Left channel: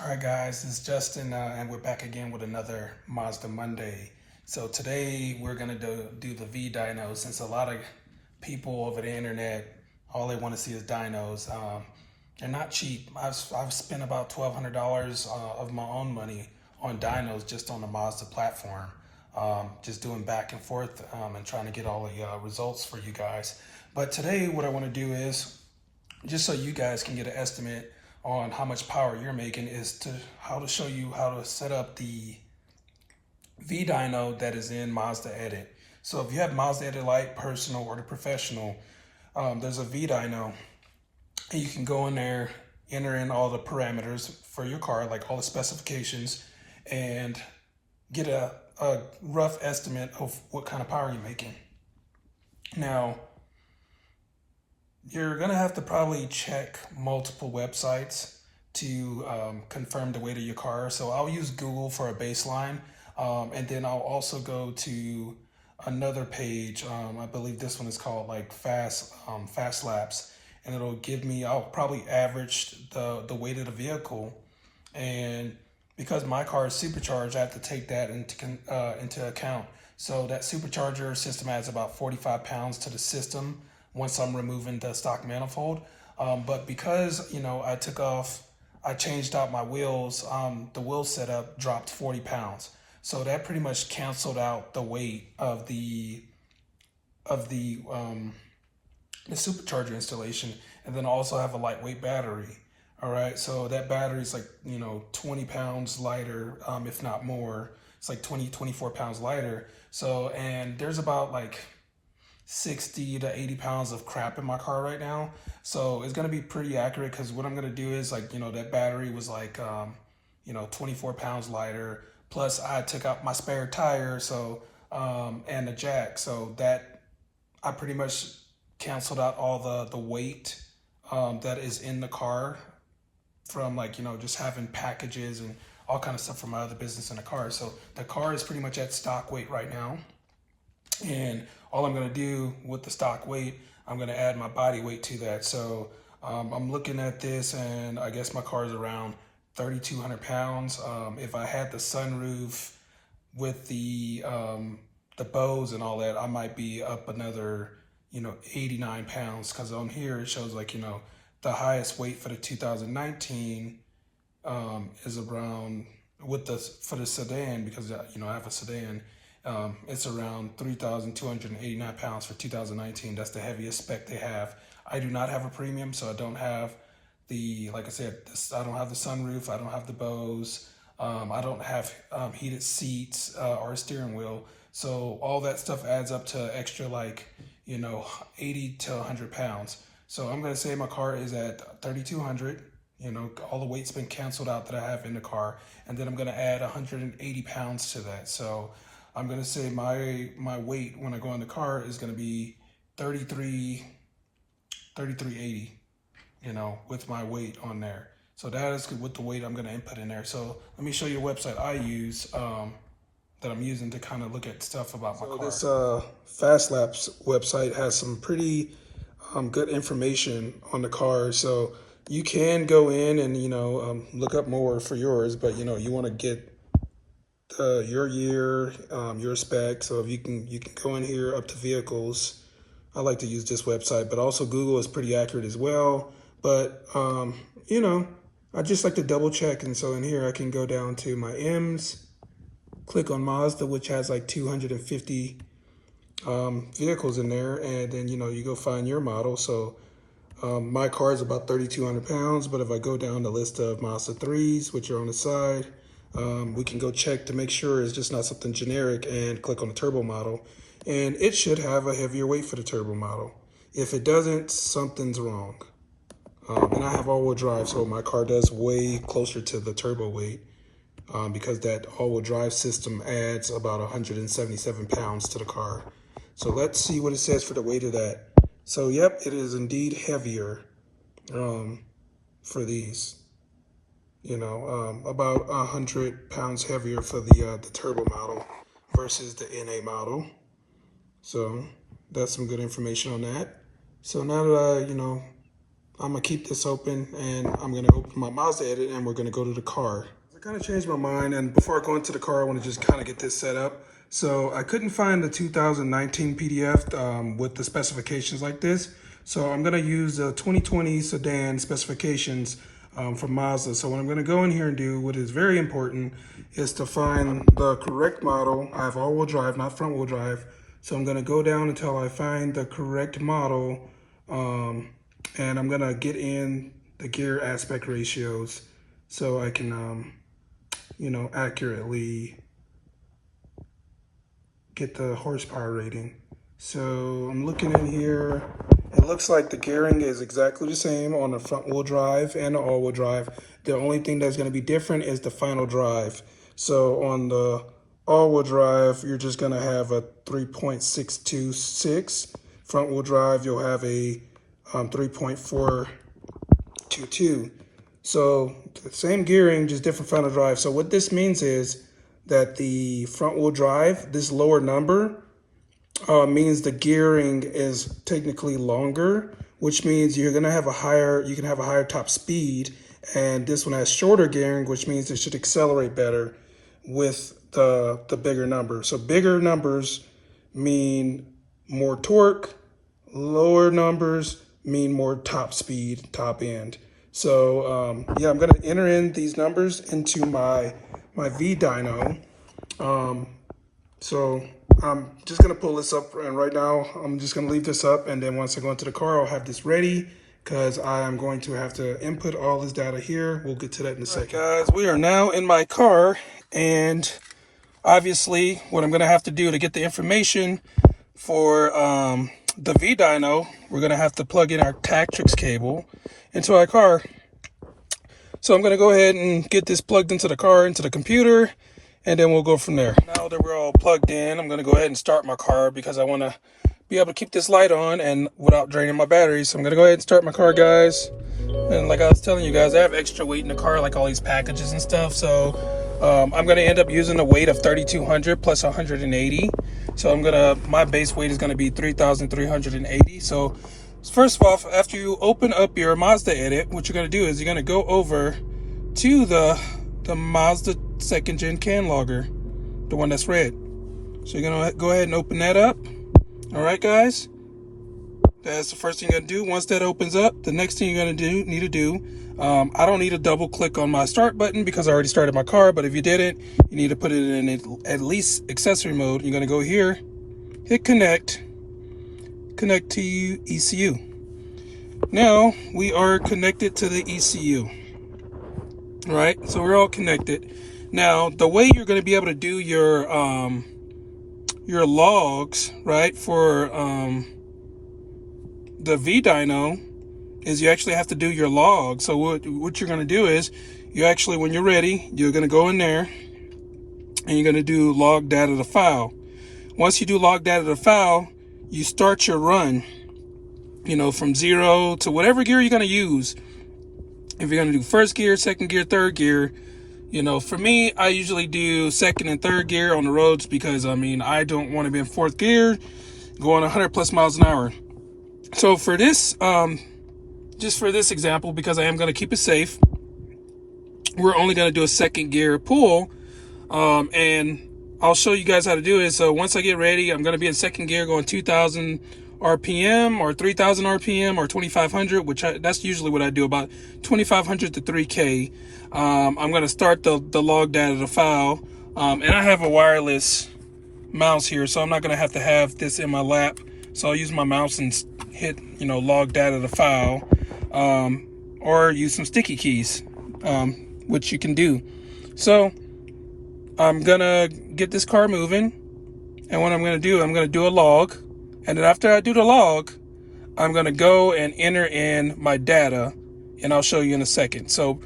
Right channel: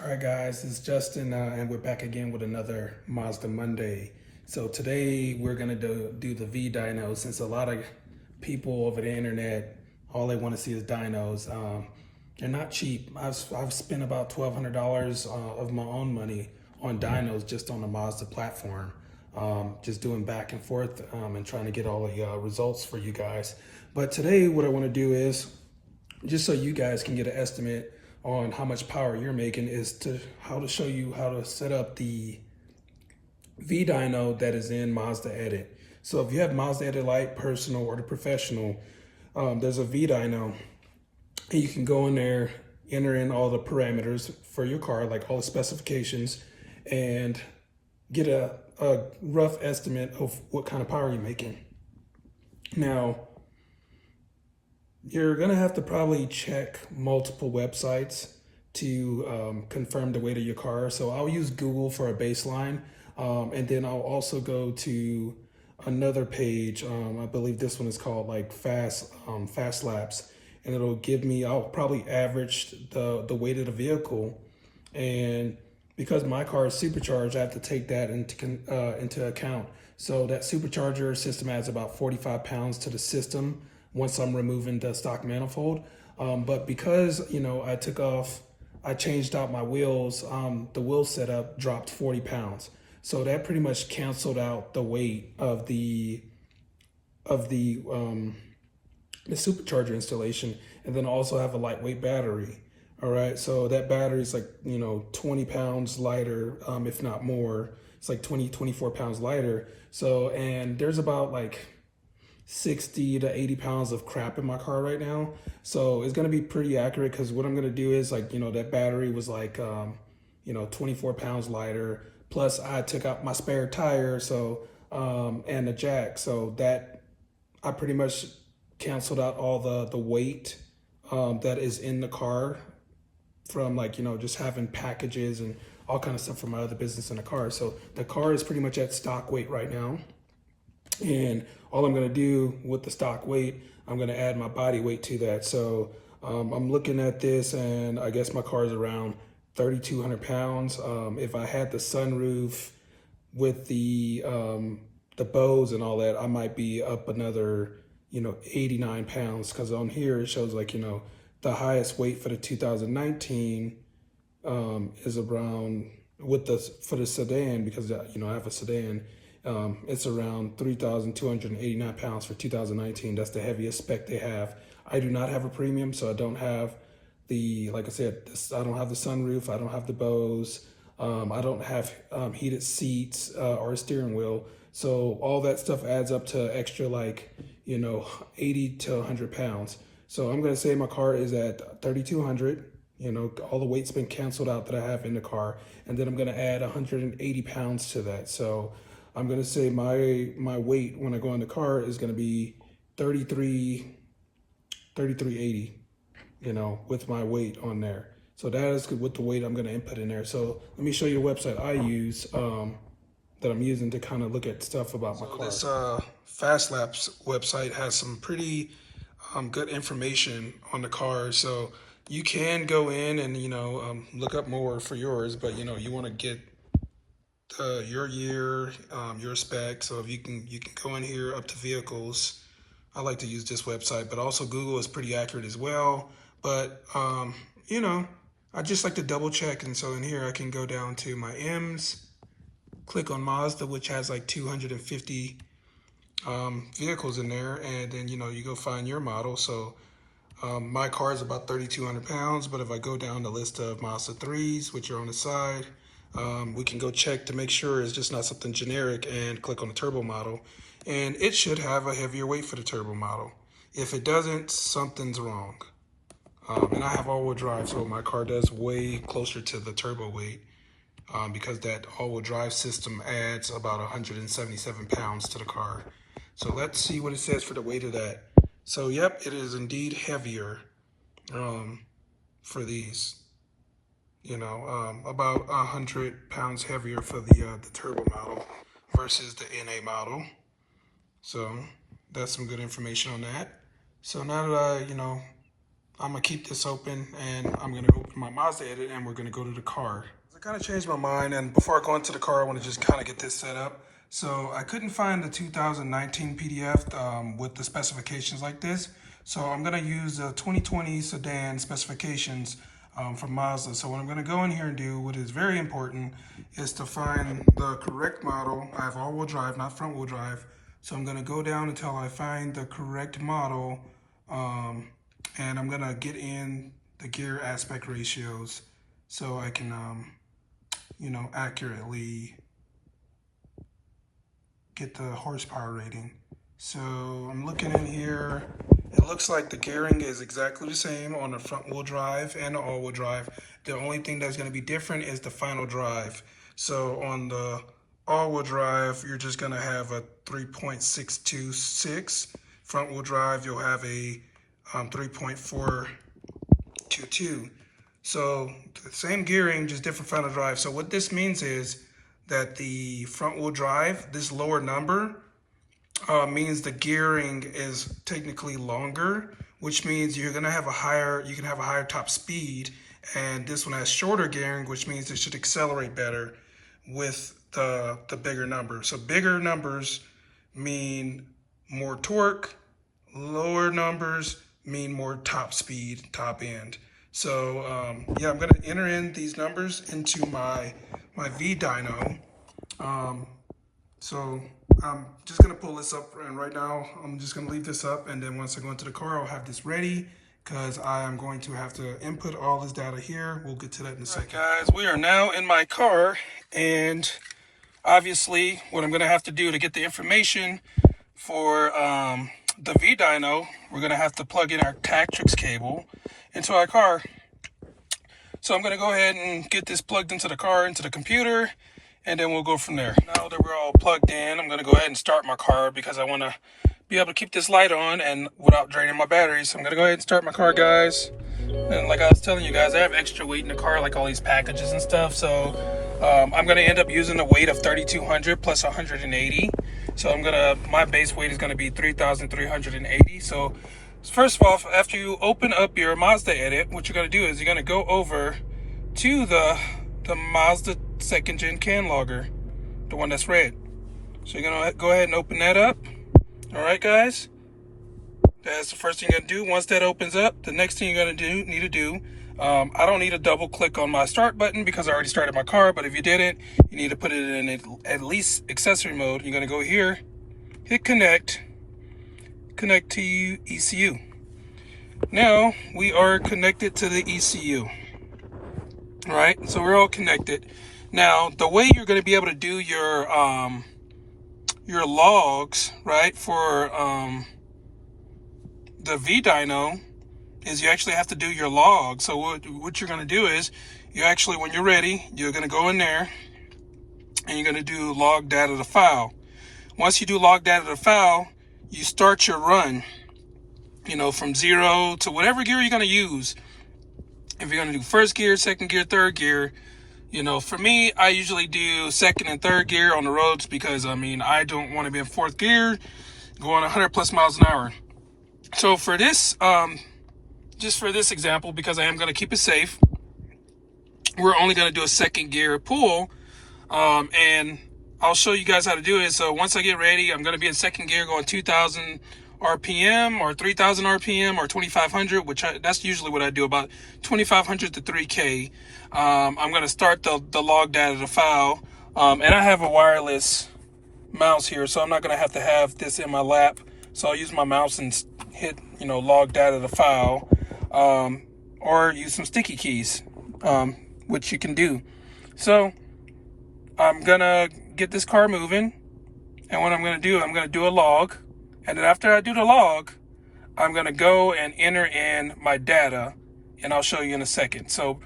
All right, guys, it's Justin, and we're back again with another Mazda Monday. So today we're gonna do the V-Dyno, since a lot of people over the internet, all they want to see is dynos. They're not cheap. I've spent about $1,200 of my own money on dynos just on the Mazda platform, just doing back and forth and trying to get all the results for you guys. But today what I want to do is, just so you guys can get an estimate on how much power you're making, is how to show you how to set up the V-Dyno that is in Mazdaedit. So if you have Mazdaedit Lite, Personal, or the Professional, there's a V-Dyno, and you can go in there, enter in all the parameters for your car, like all the specifications, and get a rough estimate of what kind of power you're making. Now, you're gonna have to probably check multiple websites to confirm the weight of your car. So I'll use Google for a baseline, and then I'll also go to another page. I believe this one is called like Fast Laps, and it'll give me. I'll probably average the weight of the vehicle, and because my car is supercharged, I have to take that into account. So that supercharger system adds about 45 pounds to the system once I'm removing the stock manifold. But because, I changed out my wheels, the wheel setup dropped 40 pounds. So that pretty much canceled out the weight of the supercharger installation. And then I also have a lightweight battery. All right, so that battery is like, 20 pounds lighter, if not more. It's like 24 pounds lighter. So, and there's about like 60 to 80 pounds of crap in my car right now. So it's gonna be pretty accurate, because what I'm gonna do is, like, that battery was like, 24 pounds lighter. Plus I took out my spare tire, so, and the jack. So that I pretty much canceled out all the weight that is in the car from, like, just having packages and all kind of stuff from my other business in the car. So the car is pretty much at stock weight right now. And all I'm gonna do with the stock weight, I'm gonna add my body weight to that. So I'm looking at this, and I guess my car is around 3,200 pounds. If I had the sunroof with the bows and all that, I might be up another, 89 pounds, because on here it shows, like, the highest weight for the 2019 is around, for the sedan, because I have a sedan. It's around 3,289 pounds for 2019. That's the heaviest spec they have. I do not have a premium, so I don't have like I said, I don't have the sunroof. I don't have the bows. I don't have heated seats or a steering wheel. So all that stuff adds up to extra, like, 80 to 100 pounds. So I'm going to say my car is at 3,200. All the weight's been canceled out that I have in the car. And then I'm going to add 180 pounds to that. So I'm gonna say my weight when I go in the car is gonna be 3380, with my weight on there. So that is with the weight I'm gonna input in there. So let me show you the website I use, that I'm using to kind of look at stuff about my car. This Fast Laps website has some pretty good information on the car. So you can go in and, look up more for yours, but you wanna get your year, your spec. So if you can go in here up to vehicles. I like to use this website, but also Google is pretty accurate as well. But I just like to double check. And so in here I can go down to my M's, click on Mazda, which has like 250 vehicles in there, and then you go find your model. So my car is about 3,200 pounds, but if I go down the list of Mazda 3s, which are on the side, we can go check to make sure it's just not something generic, and click on the turbo model. And it should have a heavier weight for the turbo model. If it doesn't, something's wrong. And I have all-wheel drive, so my car does way closer to the turbo weight, because that all-wheel drive system adds about 177 pounds to the car. So let's see what it says for the weight of that. So yep, it is indeed heavier for these. About 100 pounds heavier for the turbo model versus the NA model. So that's some good information on that. So now that I'm gonna keep this open and I'm gonna open my Mazdaedit and we're gonna go to the car. I kind of changed my mind, and before I go into the car, I want to just kind of get this set up. So I couldn't find the 2019 PDF with the specifications like this. So I'm gonna use the 2020 sedan specifications from Mazda. So what I'm gonna go in here and do, what is very important, is to find the correct model. I have all-wheel drive, not front-wheel drive. So I'm gonna go down until I find the correct model, and I'm gonna get in the gear aspect ratios so I can, you know, accurately get the horsepower rating. So I'm looking in here. It looks like the gearing is exactly the same on the front wheel drive and the all-wheel drive. The only thing that's gonna be different is the final drive. So on the all-wheel drive, you're just gonna have a 3.626. Front wheel drive, you'll have a 3.422. So the same gearing, just different final drive. So what this means is that the front wheel drive, this lower number, means the gearing is technically longer, which means you're gonna have a higher, you can have a higher top speed. And this one has shorter gearing, which means it should accelerate better with the bigger number. So bigger numbers mean more torque, lower numbers mean more top speed, top end. So yeah, I'm gonna enter in these numbers into my V-Dyno. So I'm just gonna pull this up, and right now I'm just gonna leave this up, and then once I go into the car, I'll have this ready because I am going to have to input all this data here. We'll get to that in a second. Guys, we are now in my car, and obviously what I'm gonna have to do to get the information for the V-Dyno, we're gonna have to plug in our Tactrix cable into our car. So I'm gonna go ahead and get this plugged into the car, into the computer, and then we'll go from there. Now that we're all plugged in, I'm gonna go ahead and start my car because I wanna be able to keep this light on and without draining my battery. So I'm gonna go ahead and start my car, guys. And like I was telling you guys, I have extra weight in the car, like all these packages and stuff. So I'm gonna end up using a weight of 3,200 plus 180. So my base weight is gonna be 3,380. So first of all, after you open up your Mazdaedit, what you're gonna do is you're gonna go over to the Mazda 2nd gen CAN logger, the one that's red. So you're gonna go ahead and open that up. All right, guys. That's the first thing you're gonna do. Once that opens up, the next thing you're gonna need to do, I don't need to double click on my start button because I already started my car, but if you didn't, you need to put it in at least accessory mode. You're gonna go here, hit connect to ECU. Now we are connected to the ECU. All right, so we're all connected. Now the way you're gonna be able to do your logs, right, for the V-Dyno is you actually have to do your log. So what you're going to do is you actually, when you're ready, you're going to go in there and you're going to do log data to file. Once you do log data to file, you start your run, you know, from 0 to whatever gear you're going to use. If you're going to do first gear, second gear, third gear, you know, for me, I usually do second and third gear on the roads because, I mean, I don't want to be in fourth gear going 100 plus miles an hour. So for this, just for this example, because I am going to keep it safe, we're only going to do a second gear pull, and I'll show you guys how to do it. So once I get ready, I'm going to be in second gear going 2,000 RPM or 3,000 RPM or 2,500, that's usually what I do, about 2,500 to 3K. I'm going to start the log data to file, and I have a wireless mouse here, so I'm not going to have this in my lap. So I'll use my mouse and hit, you know, log data to file, or use some sticky keys, which you can do. So I'm gonna get this car moving, and what I'm gonna do a log, and then after I do the log, I'm gonna go and enter in my data, and I'll show you in a second. So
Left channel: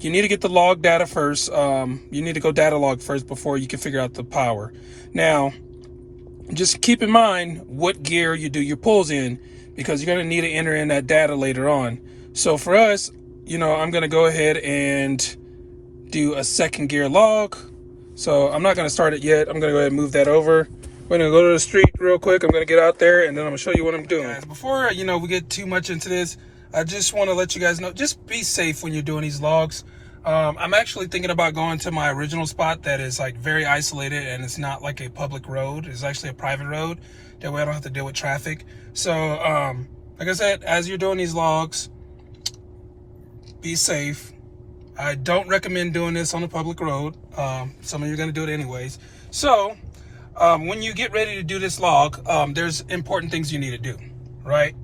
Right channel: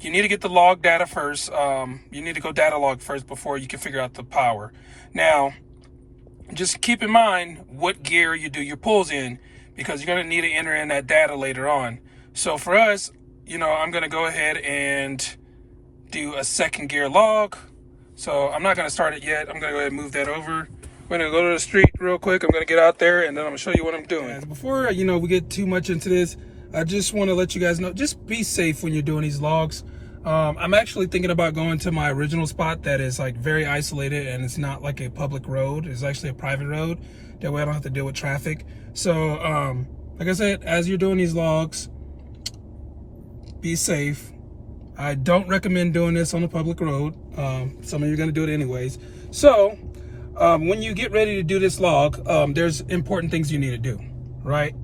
you need to get the log data first. You need to go data log first before you can figure out the power. Now, just keep in mind what gear you do your pulls in, because you're going to need to enter in that data later on. So for us, you know, I'm going to go ahead and do a second gear log. So I'm not going to start it yet. I'm going to go ahead and move that over. We're going to go to the street real quick. I'm going to get out there and then I'm going to show you what I'm doing. Before, you know, we get too much into this, I just want to let you guys know, just be safe when you're doing these logs. I'm actually thinking about going to my original spot that is like very isolated, and it's not like a public road. It's actually a private road. That way I don't have to deal with traffic. So, like I said, as you're doing these logs, be safe. I don't recommend doing this on a public road. Some of you are going to do it anyways. So, when you get ready to do this log, there's important things you need to do, right?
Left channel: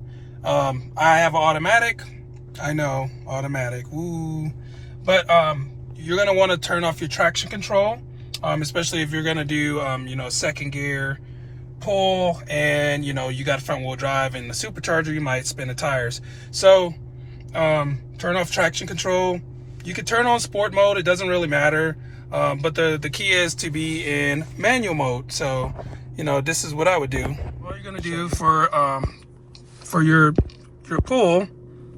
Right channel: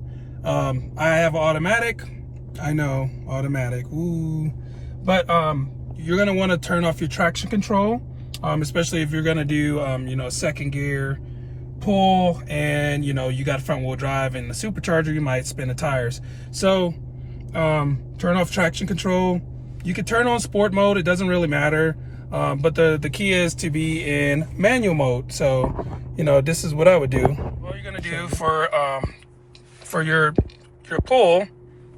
I have an automatic. I know, automatic. Ooh. But you're going to want to turn off your traction control, especially if you're going to do, a second gear pull, and, you got front wheel drive and the supercharger, you might spin the tires. So turn off traction control. You can turn on sport mode. It doesn't really matter. But the key is to be in manual mode. So, this is what I would do. What you're going to do for your pull,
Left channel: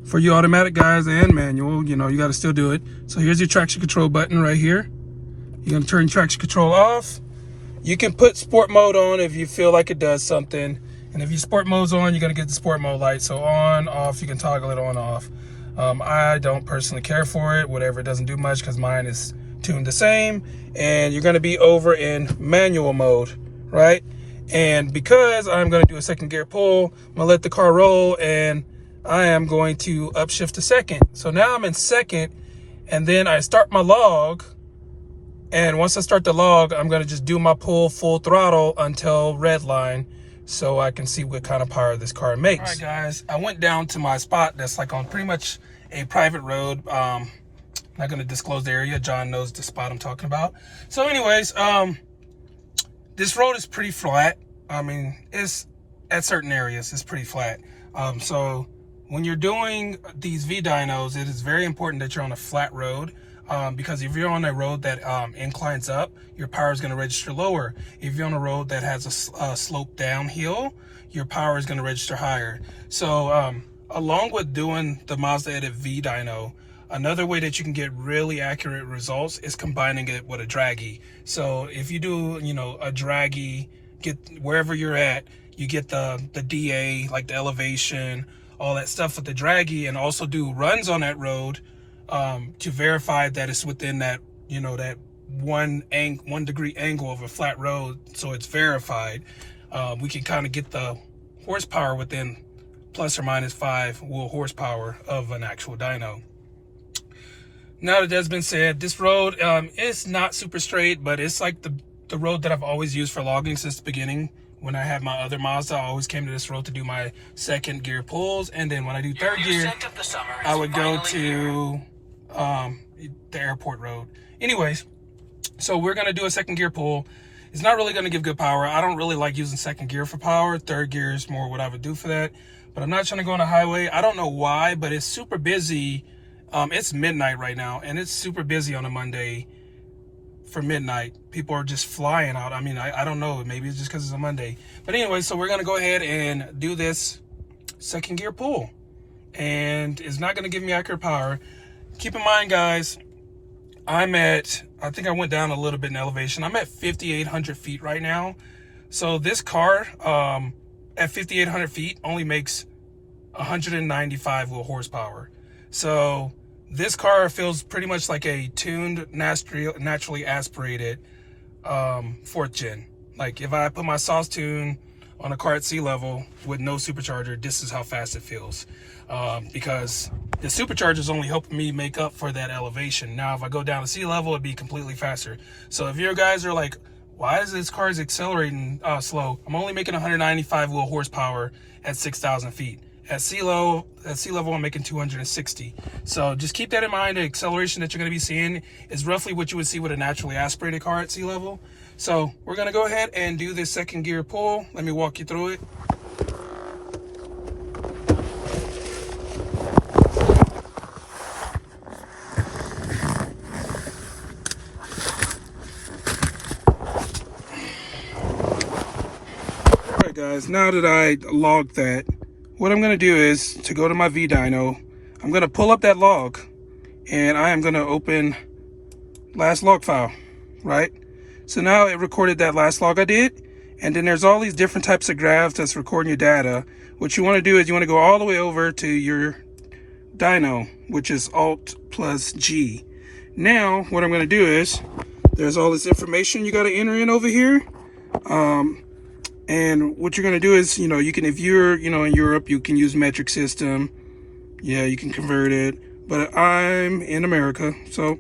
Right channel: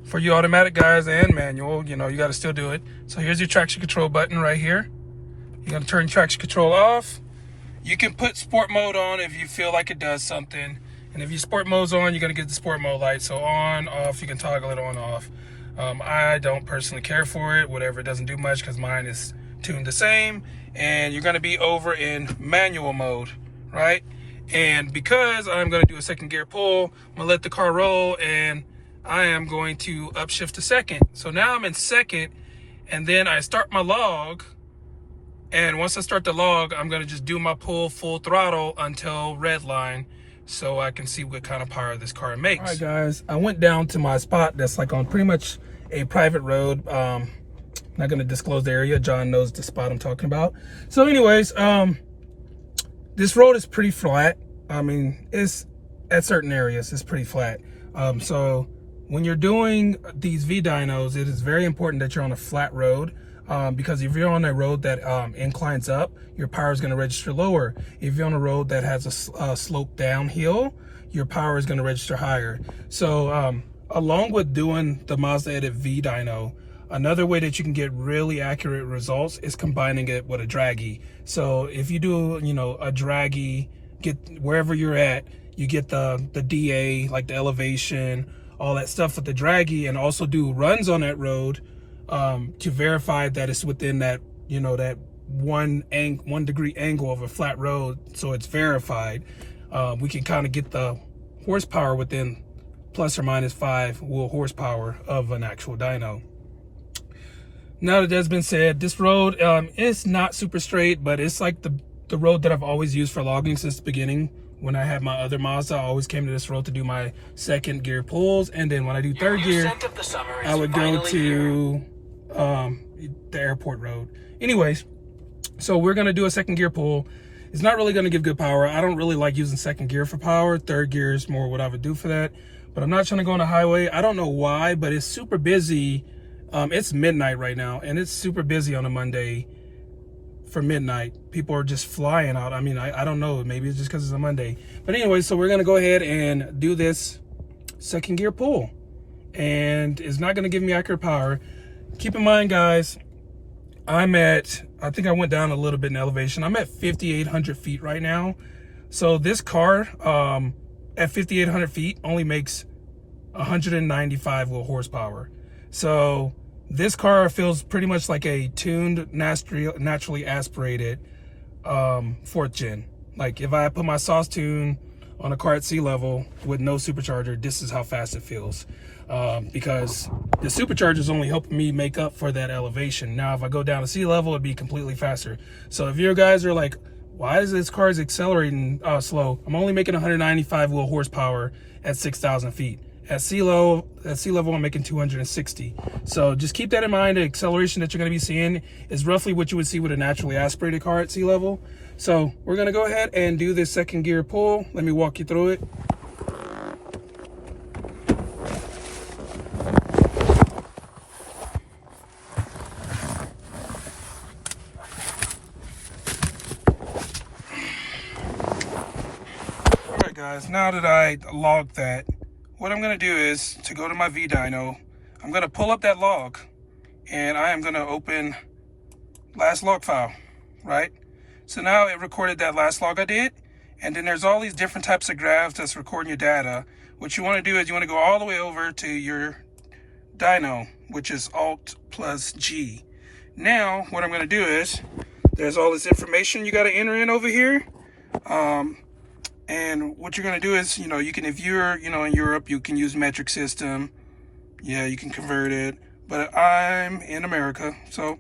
for you automatic guys and manual, you got to still do it. So here's your traction control button right here. You're going to turn traction control off. You can put sport mode on if you feel like it does something. And if your sport mode's on, you're going to get the sport mode light. So on, off, you can toggle it on, off. I don't personally care for it. Whatever, it doesn't do much because mine is tuned the same. And you're going to be over in manual mode, right? And because I'm going to do a second gear pull, I'm going to let the car roll, and I am going to upshift to second. So now I'm in second, and then I start my log. And once I start the log, I'm going to just do my pull full throttle until red line, so I can see what kind of power this car makes. All right, guys, I went down to my spot that's like on pretty much a private road. I'm not going to disclose the area. John knows the spot I'm talking about. So anyways, this road is pretty flat. I mean, it's at certain areas, it's pretty flat. So when you're doing these V-Dynos, it is very important that you're on a flat road. Because if you're on a road that inclines up, your power is going to register lower. If you're on a road that has a slope downhill, your power is going to register higher. So along with doing the Mazdaedit V-Dyno, another way that you can get really accurate results is combining it with a draggy. So if you do, a draggy, get wherever you're at, you get the DA, like the elevation, all that stuff with the draggy, and also do runs on that road to verify that it's within that, that 1 degree angle of a flat road. So it's verified. We can kind of get the horsepower within plus or minus 5 wheel horsepower of an actual dyno. Now that that's been said, this road is not super straight, but it's like the road that I've always used for logging since the beginning. When I had my other Mazda, I always came to this road to do my second gear pulls, and then when I do third gear, I would go to the airport road. Anyways, so we're gonna do a second gear pull. It's not really gonna give good power. I don't really like using second gear for power. Third gear is more what I would do for that. But I'm not trying to go on a highway. I don't know why, but it's super busy. It's midnight right now, and it's super busy on a Monday for midnight. People are just flying out. I mean, I don't know. Maybe it's just because it's a Monday. But anyway, so we're gonna go ahead and do this second gear pull, and it's not gonna give me accurate power. Keep in mind, guys, I think I went down a little bit in elevation. I'm at 5,800 feet right now. So this car at 5,800 feet only makes 195 wheel horsepower. So this car feels pretty much like a tuned, naturally aspirated 4th gen. Like if I put my sauce tune on a car at sea level with no supercharger, this is how fast it feels. Because the supercharger is only helping me make up for that elevation. Now, if I go down to sea level, it'd be completely faster. So if your guys are like, why is this car accelerating slow? I'm only making 195 wheel horsepower at 6,000 feet. At sea level, I'm making 260. So just keep that in mind. The acceleration that you're going to be seeing is roughly what you would see with a naturally aspirated car at sea level. So we're going to go ahead and do this second gear pull. Let me walk you through it. All right, guys, now that I logged that, what I'm going to do is to go to my V-Dyno, I'm going to pull up that log, and I am going to open last log file, right? So now it recorded that last log I did, and then there's all these different types of graphs that's recording your data. What you want to do is you want to go all the way over to your V-Dyno, which is Alt plus G. Now, what I'm going to do is, there's all this information you got to enter in over here. And what you're going to do is, you can, if you're, in Europe, you can use metric system. Yeah, you can convert it. But I'm in America, so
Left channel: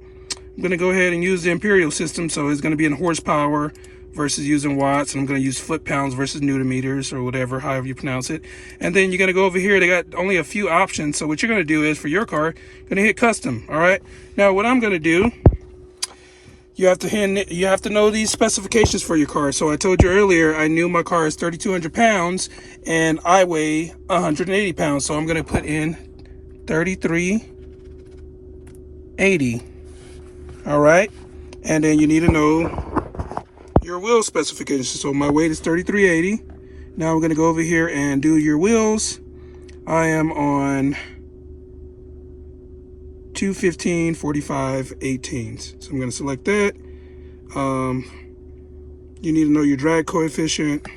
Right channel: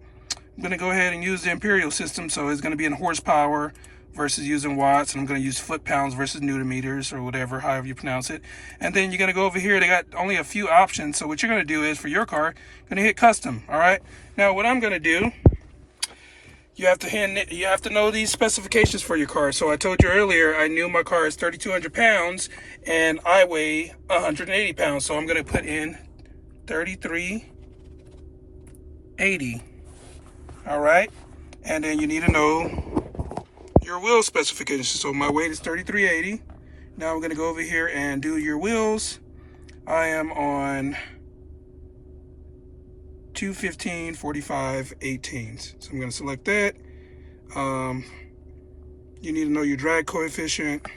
I'm going to go ahead and use the imperial system. So it's going to be in horsepower versus using watts. And I'm going to use foot-pounds versus newton meters or whatever, however you pronounce it. And then you're going to go over here. They got only a few options. So what you're going to do is, for your car, you're going to hit custom, all right? Now, what I'm going to do, you have to know these specifications for your car. So I told you earlier, I knew my car is 3,200 pounds and I weigh 180 pounds. So I'm going to put in 3,380. All right. And then you need to know your wheel specifications. So my weight is 3,380. Now I'm going to go over here and do your wheels. I am on 215 45 18s. So I'm going to select that. You need to know your drag coefficient.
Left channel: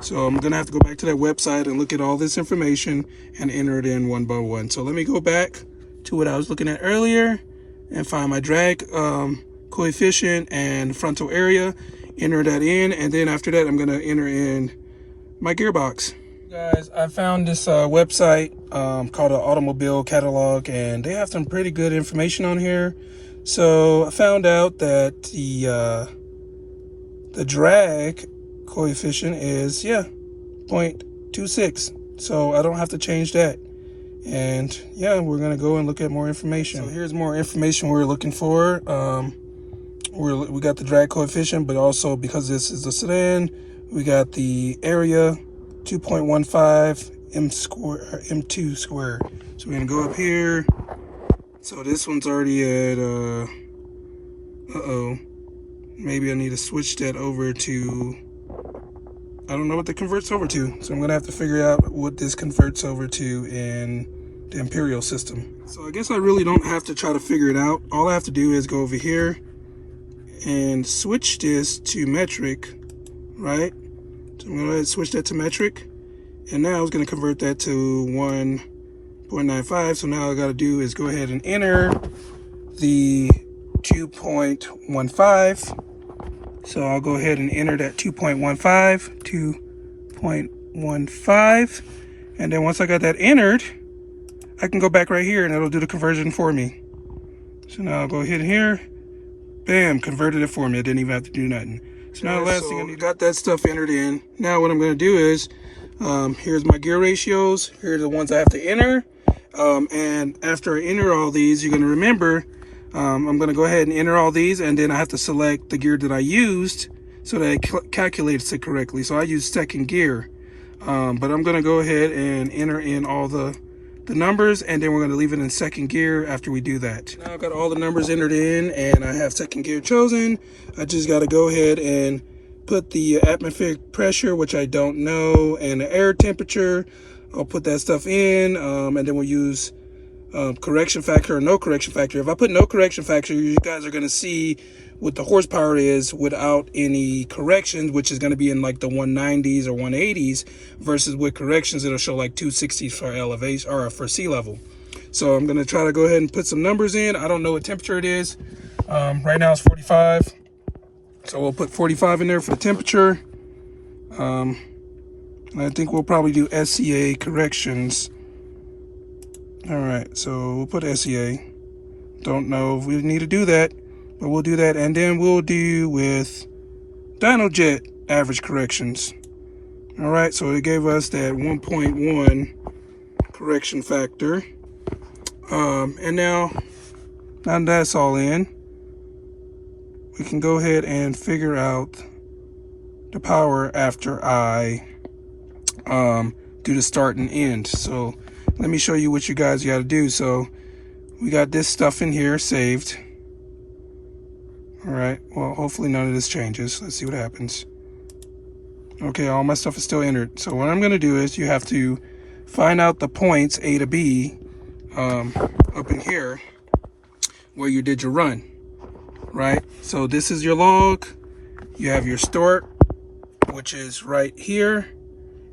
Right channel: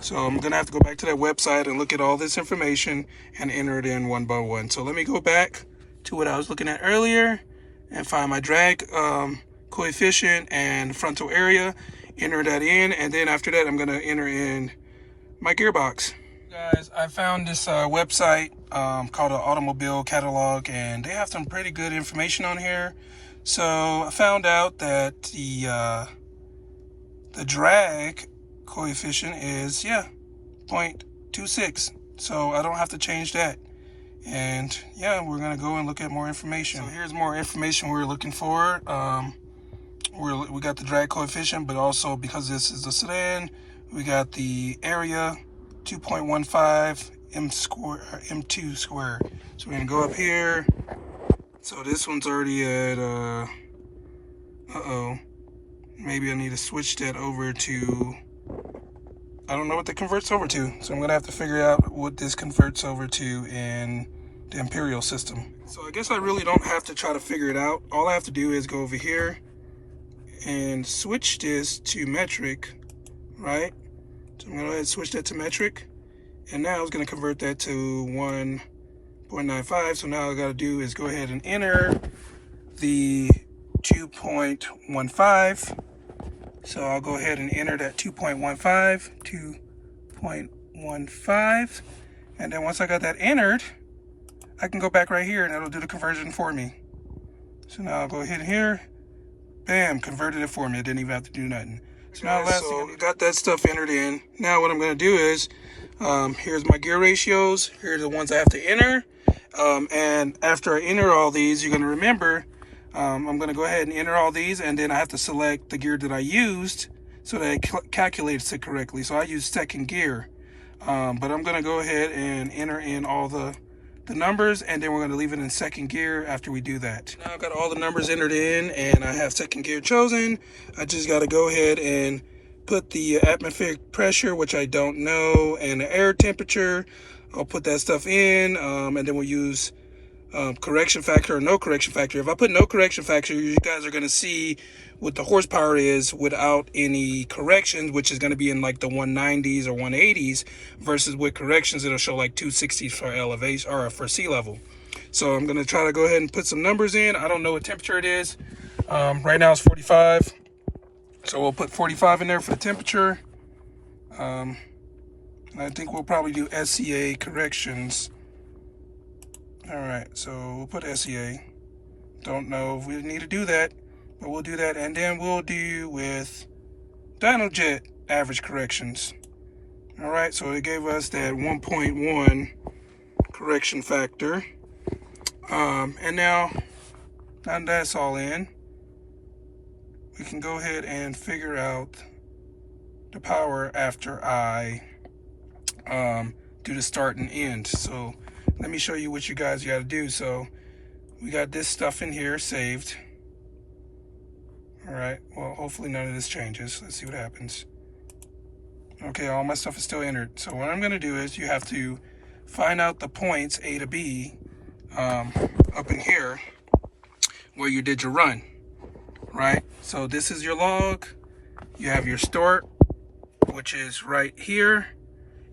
So I'm going to have to go back to that website and look at all this information and enter it in one by one. So let me go back to what I was looking at earlier and find my drag coefficient and frontal area, enter that in, and then after that I'm going to enter in my gearbox. Guys, I found this website called an automobile catalog, and they have some pretty good information on here. So I found out that the drag coefficient is 0.26, so I don't have to change that. And yeah, we're gonna go and look at more information. So here's more information we're looking for. We got the drag coefficient, but also because this is a sedan, we got the area 2.15 m2 squared. So we're gonna go up here. So this one's already at maybe I need to switch that over to, I don't know what that converts over to. So I'm gonna have to figure out what this converts over to in the imperial system. So I guess I really don't have to try to figure it out. All I have to do is go over here and switch this to metric, right? So I'm gonna go ahead and switch that to metric. And now it's gonna convert that to 1.95. So now all I gotta do is go ahead and enter the 2.15. So I'll go ahead and enter that 2.15. And then once I got that entered, I can go back right here and it'll do the conversion for me. So now I'll go ahead here, bam, converted it for me. I didn't even have to do nothing. So now the last thing I need, got that stuff entered in. Now what I'm gonna do is, here's my gear ratios. Here's the ones I have to enter. And after I enter all these, you're gonna remember, I'm gonna go ahead and enter all these, and then I have to select the gear that I used so that it calculates it correctly. So I use second gear, but I'm gonna go ahead and enter in all the numbers, and then we're gonna leave it in second gear after we do that. Now I've got all the numbers entered in and I have second gear chosen. I just gotta go ahead and put the atmospheric pressure, which I don't know, and the air temperature. I'll put that stuff in, and then we'll use correction factor or no correction factor. If I put no correction factor, you guys are gonna see what the horsepower is without any corrections, which is gonna be in like the 190s or 180s, versus with corrections it'll show like 260 for elevation or for sea level. So I'm gonna try to go ahead and put some numbers in. I don't know what temperature it is. Right now it's 45. So we'll put 45 in there for the temperature. I think we'll probably do SCA corrections. All right, so we'll put SCA. Don't know if we need to do that, but we'll do that. And then we'll do with DynoJet average corrections. All right, so it gave us that 1.1 correction factor. And now that's all in, we can go ahead and figure out the power after I do the start and end. So let me show you what you guys got to do. So we got this stuff in here saved. All right, well, hopefully none of this changes. Let's see what happens. Okay, all my stuff is still entered. So what I'm gonna do is, you have to find out the points A to B up in here where you did your run, right? So this is your log. You have your start, which is right here,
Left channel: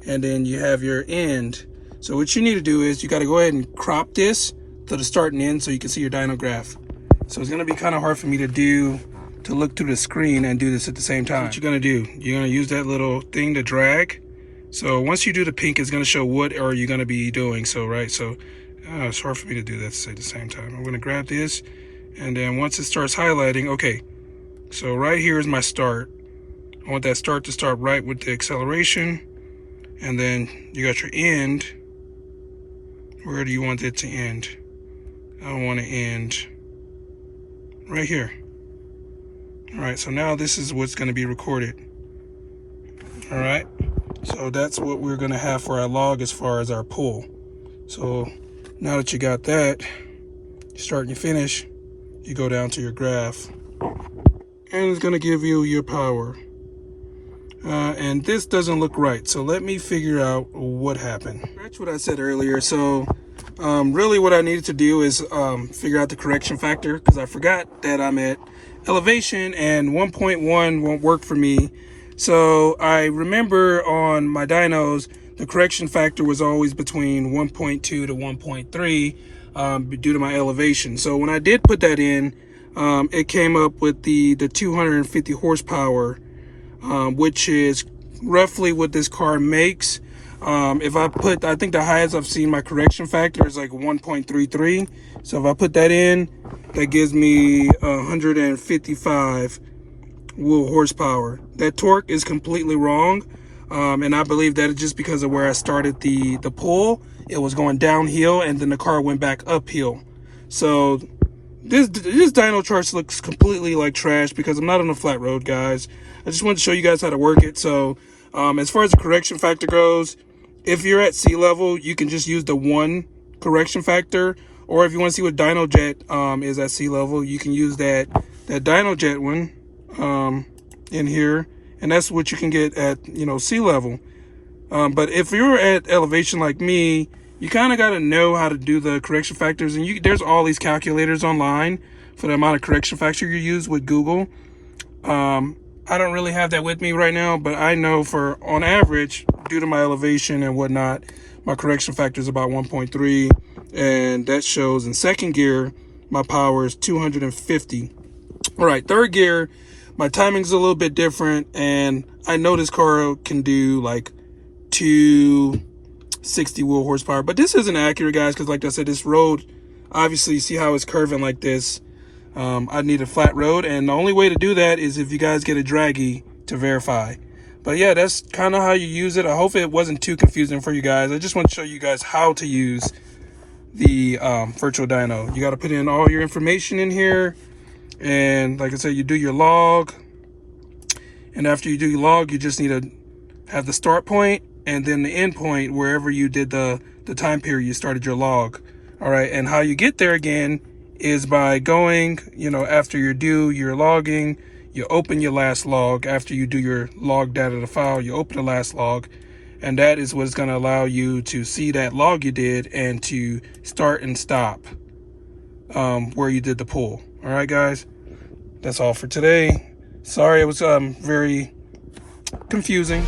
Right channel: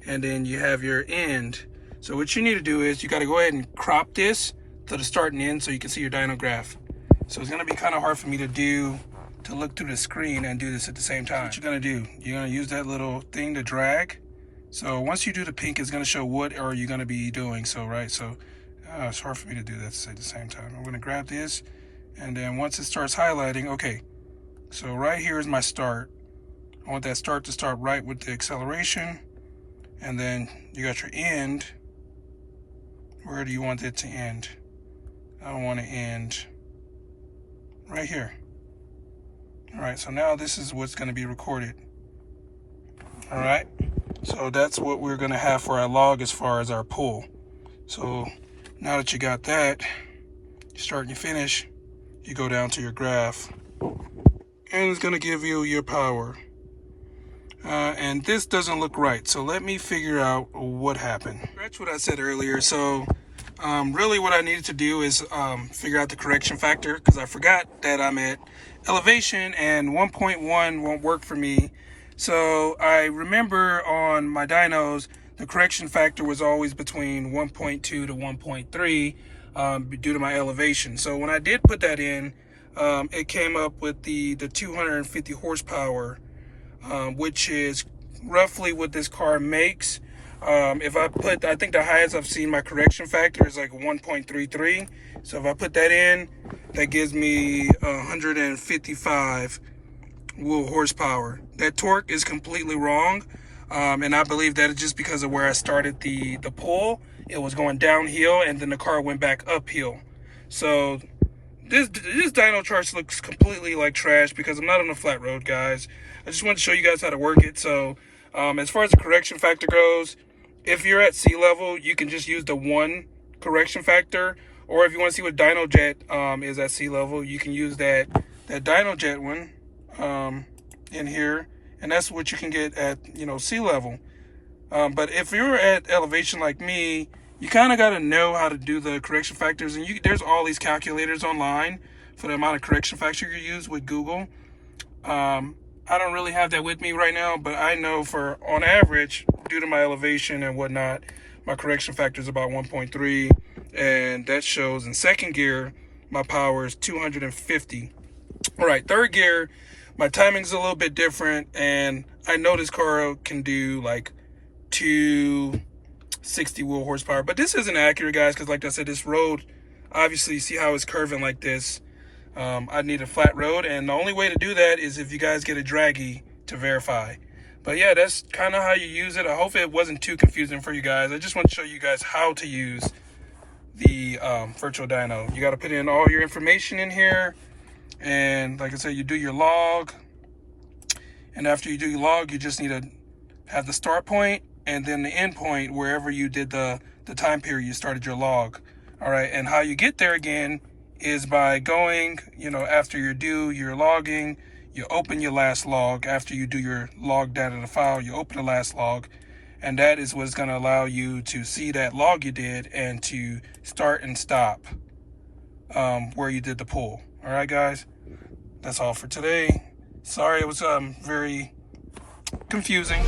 and then you have your end. So what you need to do is, you got to go ahead and crop this to the start and end so you can see your dyno graph. So it's gonna be kind of hard for me to look through the screen and do this at the same time. So what you're gonna do, you're gonna use that little thing to drag. So once you do the pink, it's gonna show what are you gonna be doing. So, right, so it's hard for me to do that at the same time. I'm gonna grab this, and then once it starts highlighting, okay, so right here is my start. I want that start to start right with the acceleration, and then you got your end. Where do you want it to end? I want to end right here. All right, so now this is what's going to be recorded. All right, so that's what we're going to have for our log as far as our pull. So now that you got that, you start and you finish, you go down to your graph, and it's going to give you your power. And this doesn't look right, so let me figure out what happened. That's what I said earlier. So really what I needed to do is figure out the correction factor, because I forgot that I'm at elevation and 1.1 won't work for me. So I remember on my dynos, the correction factor was always between 1.2 to 1.3 due to my elevation. So when I did put that in, it came up with the 250 horsepower, which is roughly what this car makes. If I put, I think the highest I've seen my correction factor is like 1.33. So if I put that in, that gives me 155 wheel horsepower. That torque is completely wrong. And I believe that it's just because of where I started the pull. It was going downhill and then the car went back uphill. So this dyno chart looks completely like trash because I'm not on a flat road, guys. I just wanted to show you guys how to work it. So as far as the correction factor goes, if you're at sea level, you can just use the 1 correction factor. Or if you want to see what DynoJet is at sea level, you can use that DynoJet one in here. And that's what you can get at, sea level. But if you're at elevation like me, you kind of got to know how to do the correction factors. And there's all these calculators online for the amount of correction factor you use with Google. I don't really have that with me right now, but I know on average, due to my elevation and whatnot, my correction factor is about 1.3, and that shows in second gear, my power is 250. All right, third gear, my timing's a little bit different, and I know this car can do like 260 wheel horsepower, but this isn't accurate, guys, because like I said, this road, obviously, see how it's curving like this. I need a flat road, and the only way to do that is if you guys get a draggy to verify. But yeah, that's kind of how you use it. I hope it wasn't too confusing for you guys. I just want to show you guys how to use the virtual dyno. You got to put in all your information in here, and like I said, you do your log, and after you do your log, you just need to have the start point and then the end point wherever you did the time period you started your log. All right, and how you get there again is by going, after you do your logging, you open your last log. After you do your log data to file, you open the last log, and that is what's going to allow you to see that log you did and to start and stop where you did the pull. All right, guys, that's all for today. Sorry, it was very confusing.